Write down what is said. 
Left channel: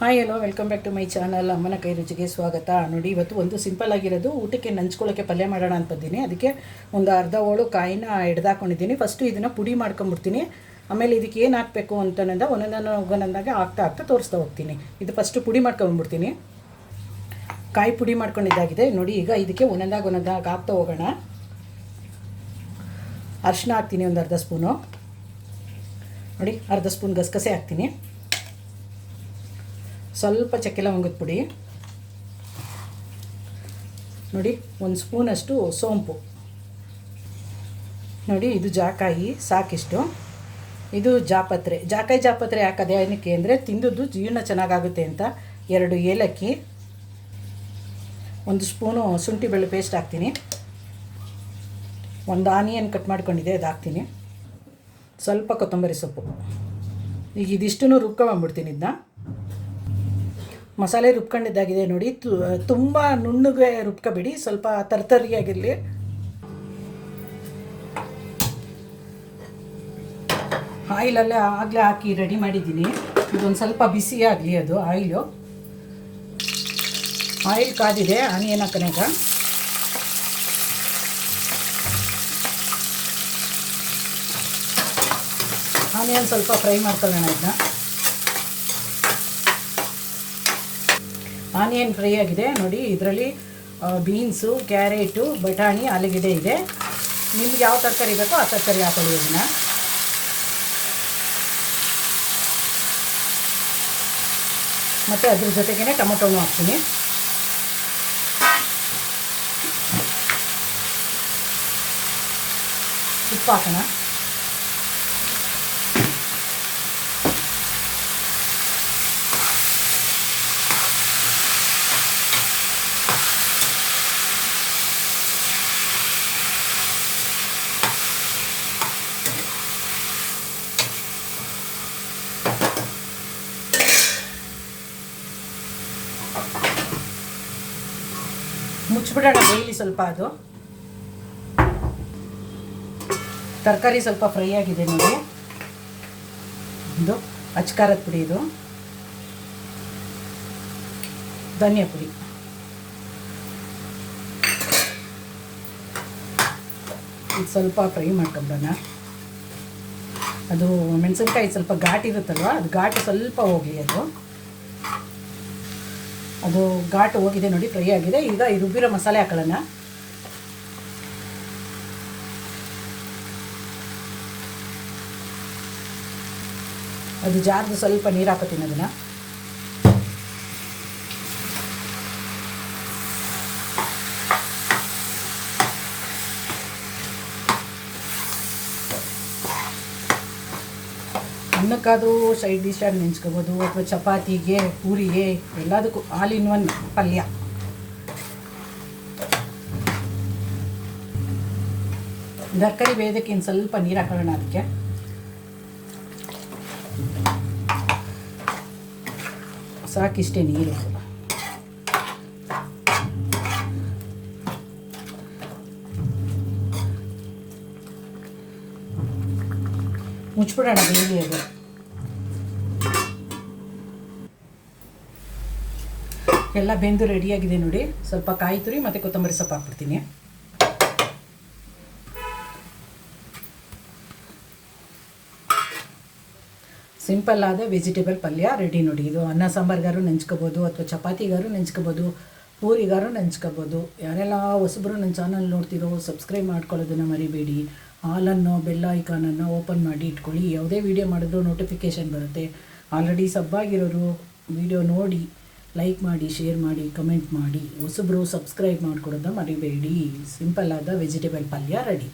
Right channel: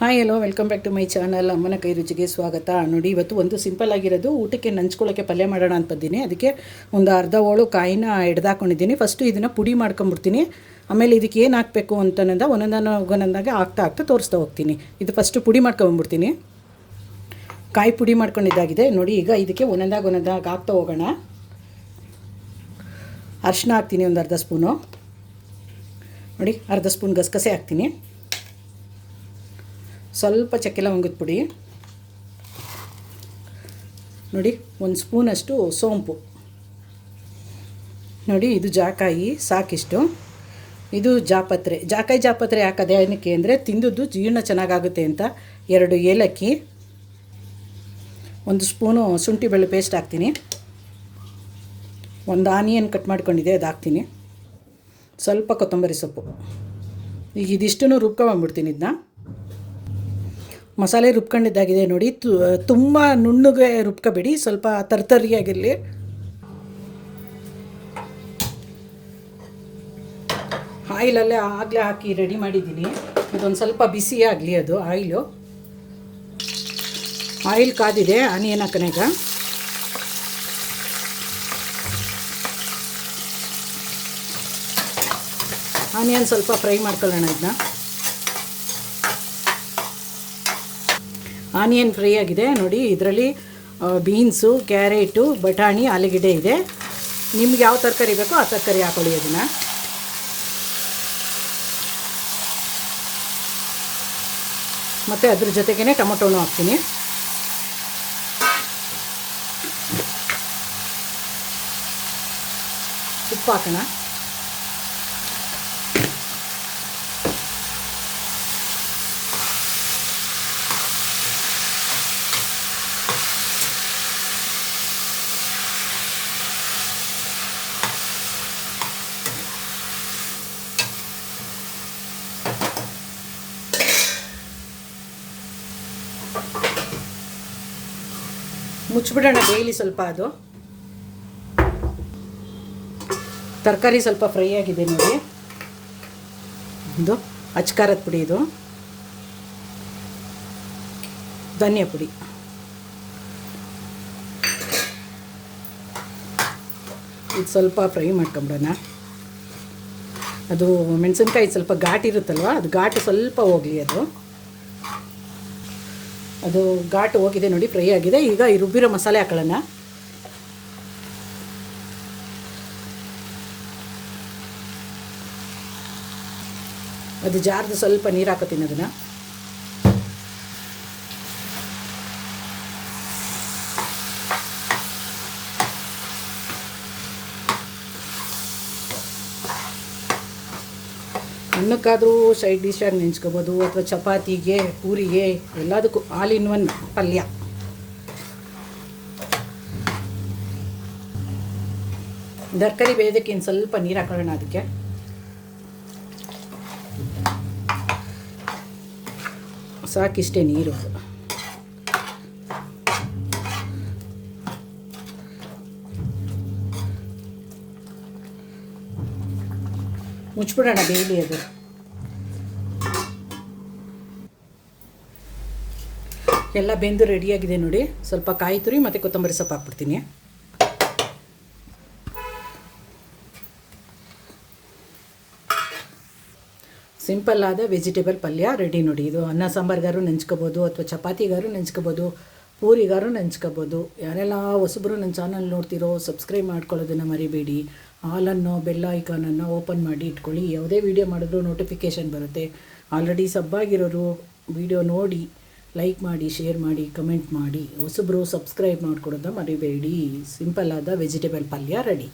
Hi hello welcome back to my channel. ಅಮ್ಮನ ಕೈ ರುಚಿಗೆ ಸ್ವಾಗತ. ನೋಡಿ, ಇವತ್ತು ಒಂದು ಸಿಂಪಲ್ ಆಗಿರೋದು ಊಟಕ್ಕೆ ನಂಚ್ಕೊಳ್ಳೋಕ್ಕೆ ಪಲ್ಯ ಮಾಡೋಣ ಅಂತ ಬಂದೀನಿ. ಅದಕ್ಕೆ ಒಂದು ಅರ್ಧ ಹೋಳು ಕಾಯಿನ ಹಿಡ್ದಾಕೊಂಡಿದ್ದೀನಿ. ಫಸ್ಟು ಇದನ್ನು ಪುಡಿ ಮಾಡ್ಕೊಂಬಿಡ್ತೀನಿ. ಆಮೇಲೆ ಇದಕ್ಕೆ ಏನು ಹಾಕಬೇಕು ಅಂತಂದ ಒಂದೊಂದಾಗಿ ಹಾಕ್ತಾ ತೋರಿಸ್ತಾ ಹೋಗ್ತೀನಿ. ಇದು ಫಸ್ಟು ಪುಡಿ ಮಾಡ್ಕೊಂಬಿಡ್ತೀನಿ. ಕಾಯಿ ಪುಡಿ ಮಾಡ್ಕೊಂಡಿದ್ದಾಗಿದೆ ನೋಡಿ. ಈಗ ಇದಕ್ಕೆ ಒಂದೊಂದಾಗಿ ಹಾಕ್ತಾ ಹೋಗೋಣ. ಅರಿಶಿನ ಹಾಕ್ತೀನಿ, ಒಂದು ಅರ್ಧ ಸ್ಪೂನು. ನೋಡಿ, ಅರ್ಧ ಸ್ಪೂನ್ ಗಸಗಸೆ ಹಾಕ್ತೀನಿ. ಸ್ವಲ್ಪ ಚಕ್ಕೆ ಲವಂಗದ ಪುಡಿ ನೋಡಿ, ಒಂದು ಸ್ಪೂನಷ್ಟು ಸೋಂಪು ನೋಡಿ. ಇದು ಜಾಕಾಯಿ ಸಾಕಿಷ್ಟು. ಇದು ಜಾಪತ್ರೆ ಹಾಕೋದು ಏನಕ್ಕೆ ಅಂದರೆ ತಿಂದದ್ದು ಜೀರ್ಣ ಚೆನ್ನಾಗಾಗುತ್ತೆ ಅಂತ. 2 ಏಲಕ್ಕಿ, 1 ಸ್ಪೂನು ಶುಂಠಿ ಬೆಳ್ಳುಳ್ಳಿ ಪೇಸ್ಟ್ ಹಾಕ್ತೀನಿ. 1 ಆನಿಯನ್ ಕಟ್ ಮಾಡ್ಕೊಂಡಿದ್ದೆ, ಅದು ಹಾಕ್ತೀನಿ. ಸ್ವಲ್ಪ ಕೊತ್ತಂಬರಿ ಸೊಪ್ಪು. ಈಗ ಇದಿಷ್ಟನ್ನು ರುಬ್ಕೊಂಡ್ಬಿಡ್ತೀನಿ. ಇದನ್ನ ಮಸಾಲೆ ರುಬ್ಕೊಂಡಿದ್ದಾಗಿದೆ ನೋಡಿ. ತುಂಬ ನುಣ್ಣಗೆ ರುಬ್ಕೋಬೇಡಿ, ಸ್ವಲ್ಪ ತರ್ತರಿಯಾಗಿರಲಿ. ಆಯಿಲಲ್ಲೇ ಆಗಲೇ ಹಾಕಿ ರೆಡಿ ಮಾಡಿದ್ದೀನಿ. ಇದೊಂದು ಸ್ವಲ್ಪ ಬಿಸಿ ಆಗಲಿ ಅದು ಆಯಿಲ್ ಕಾದಿದೆ. ಆನಿಯನ್ ಹಾಕೋಣ. ಆನಿಯನ್ ಸ್ವಲ್ಪ ಫ್ರೈ ಮಾಡ್ಕೊಳ್ಳೋಣ. ಇದನ್ನ ಆನಿಯನ್ ಫ್ರೈ ಆಗಿದೆ ನೋಡಿ. ಇದರಲ್ಲಿ ಬೀನ್ಸು, ಕ್ಯಾರೆಟು, ಬಟಾಣಿ, ಆಲೂಗೆಡ್ಡೆ ಇದೆ. ನಿಮ್ಗೆ ಯಾವ ತರಕಾರಿ ಬೇಕೋ ಆ ತರಕಾರಿ ಹಾಕೊಳ್ಳಿ. ಅದನ್ನು ಮತ್ತು ಅದ್ರ ಜೊತೆಗೇ ಟೊಮೊಟೊನೂ ಹಾಕ್ತೀನಿ. ಉಪ್ಪು ಹಾಕೋಣ. ಮುಚ್ಚಿಬಿಡೋಣ, ಬೇಯಲಿ ಸ್ವಲ್ಪ. ಅದು ತರಕಾರಿ ಸ್ವಲ್ಪ ಫ್ರೈ ಆಗಿದೆ ನೋಡಿ. ಇದು ಅಚ್ಕಾರದ ಪುಡಿ, ಇದು ಧನಿಯಾ ಪುಡಿ, ಇದು ಸ್ವಲ್ಪ ಫ್ರೈ ಮಾಡ್ಕೊಂಬಿಡೋಣ. ಅದು ಮೆಣಸಿನ್ಕಾಯಿ ಸ್ವಲ್ಪ ಘಾಟ್ ಇರುತ್ತಲ್ವ, ಅದು ಘಾಟು ಸ್ವಲ್ಪ ಹೋಗಲಿ. ಅದು ಘಾಟು ಹೋಗಿದೆ ನೋಡಿ, ಫ್ರೈ ಆಗಿದೆ. ಈಗ ಈ ರುಬ್ಬಿರೋ ಮಸಾಲೆ ಹಾಕೊಳ್ಳೋಣ. ಅದು ಜಾರ್ದು ಸ್ವಲ್ಪ ನೀರು ಹಾಕೋತೀನಿ. ಅದನ್ನು ಅನ್ನಕ್ಕಾದರೂ ಸೈಡ್ ಡಿಶಾಗಿ ನೆಂಚ್ಕೋಬೋದು, ಅಥವಾ ಚಪಾತಿಗೆ, ಪೂರಿಗೆ, ಎಲ್ಲದಕ್ಕೂ ಆಲ್ ಇನ್ ಒನ್ ಪಲ್ಯ. ತರಕಾರಿ ಬೇಯೋದಕ್ಕೆ ಇನ್ನು ಸ್ವಲ್ಪ ನೀರು ಹಾಕೊಳ್ಳೋಣ. ಅದಕ್ಕೆ ಸಾಕಿಷ್ಟೇ ನೀರು. ಮುಚ್ಚಿಬಿಡೋಣ, ಬೇಯಲಿ. ಅದು ಎಲ್ಲ ಬೆಂದು ರೆಡಿಯಾಗಿದೆ ನೋಡಿ. ಸ್ವಲ್ಪ ಕಾಯಿ ತುರಿ ಮತ್ತು ಕೊತ್ತಂಬರಿ ಸೊಪ್ಪು ಹಾಕ್ಬಿಡ್ತೀನಿ. ಸಿಂಪಲ್ ಆದ ವೆಜಿಟೇಬಲ್ ಪಲ್ಯ ರೆಡಿ ನೋಡಿ. ಇದು ಅನ್ನ ಸಾಂಬಾರ್ಗಾರು ನೆಂಚ್ಕೋಬೋದು, ಅಥವಾ ಚಪಾತಿಗಾರು ನೆಂಚ್ಕೋಬೋದು, ಪೂರಿಗಾರು ನೆಂಚ್ಕೋಬೋದು. ಯಾರೆಲ್ಲ ಹೊಸಬ್ರು ನನ್ನ ಚಾನಲ್ ನೋಡ್ತಿರೋ ಸಬ್ಸ್ಕ್ರೈಬ್ ಮಾಡ್ಕೊಳ್ಳೋದನ್ನು ಮರಿಬೇಡಿ. ಆಲನ್ನು ಬೆಲ್ ಐಕಾನನ್ನು ಓಪನ್ ಮಾಡಿ ಇಟ್ಕೊಳ್ಳಿ. ಯಾವುದೇ ವೀಡಿಯೋ ಮಾಡಿದ್ರೂ ನೋಟಿಫಿಕೇಷನ್ ಬರುತ್ತೆ. ಆಲ್ರೆಡಿ ಸಬ್ಬಾಗಿರೋರು ವೀಡಿಯೋ ನೋಡಿ ಲೈಕ್ ಮಾಡಿ, ಶೇರ್ ಮಾಡಿ, ಕಮೆಂಟ್ ಮಾಡಿ. ಹೊಸಬ್ರು ಸಬ್ಸ್ಕ್ರೈಬ್ ಮಾಡ್ಕೊಡೋದನ್ನ ಮರಿಬೇಡಿ. ಸಿಂಪಲ್ ಆದ ವೆಜಿಟೇಬಲ್ ಪಲ್ಯ ರೆಡಿ.